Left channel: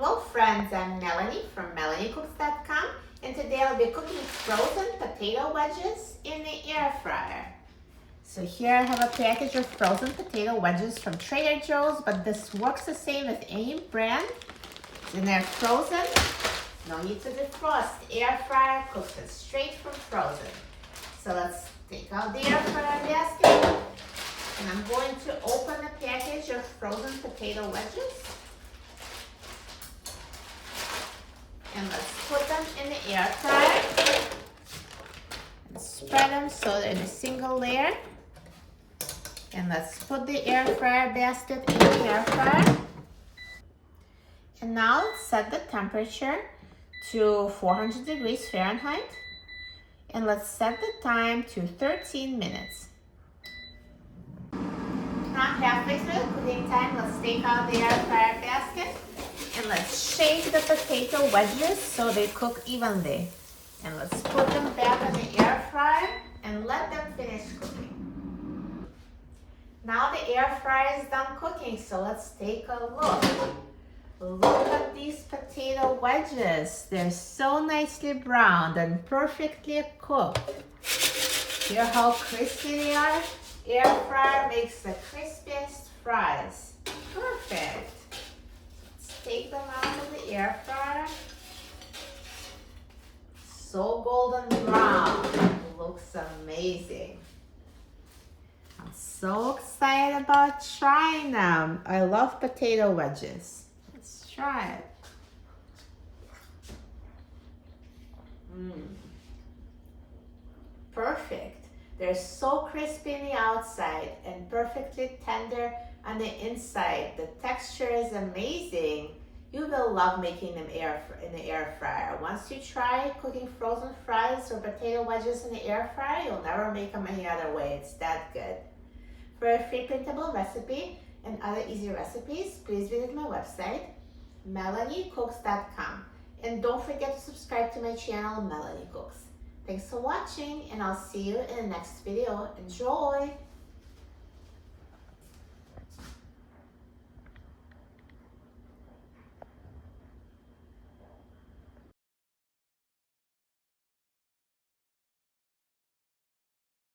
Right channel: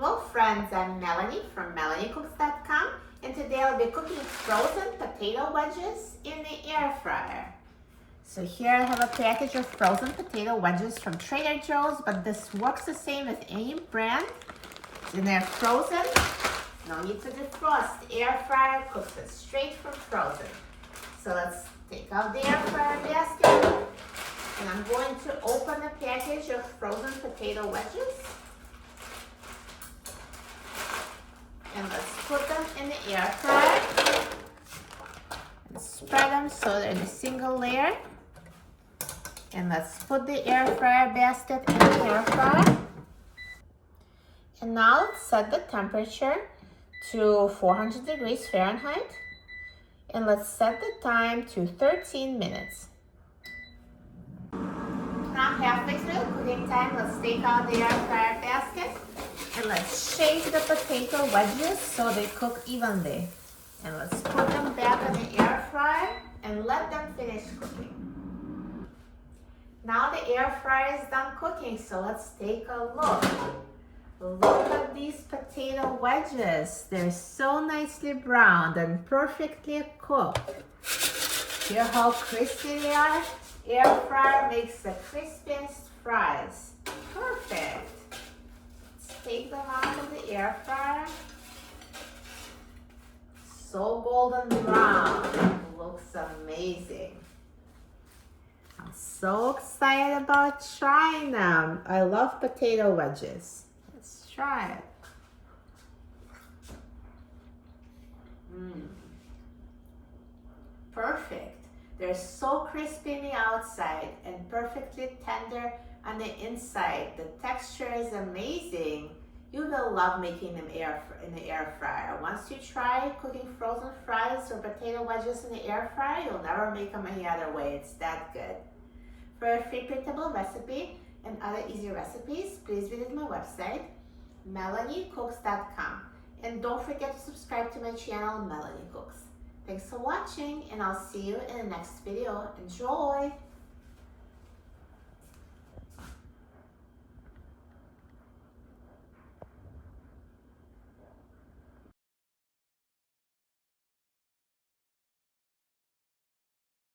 Hello friends, I'm Melanie from melaniecooks.com, and today I'll be cooking frozen potato wedges in the air fryer. So here I have a package of frozen potato wedges from Trader Joe's, but this works the same as any brand. And they're frozen, no need to defrost. The air fryer cooks it straight from frozen. So let's take out the air fryer basket, and I'm going to open the package of frozen potato wedges. And let's put them in the air fryer and spread them so they're in a single layer. And let's put the air fryer basket in the air fryer. And now let's set the temperature to 400 degrees Fahrenheit. And let's set the time to 13 minutes. Now halfway through the cooking time, let's take out the air fryer basket. And let's shake the potato wedges so they cook evenly. And let's put them back in the air fryer and let them finish cooking. Now the air fryer is done cooking, so let's take a look. Look at these potato wedges. They're so nicely browned and perfectly cooked. Hear how crispy they are? Air fryer makes the crispiest fries. Perfect. Take them out of the air fryer. So golden brown. It looks amazing. I'm so excited about trying them. I love potato wedges. Let's try it. Perfect. They're so crispy on the outside and perfectly tender on the inside. The texture is amazing. You will love making them in the air fryer. Once you try cooking frozen fries or potato wedges in the air fryer, you'll never make them any other way. It's that good. For a free printable recipe and other easy recipes, please visit my website, melaniecooks.com. And don't forget to subscribe to my channel, Melanie Cooks. Thanks for watching, and I'll see you in the next video. Enjoy!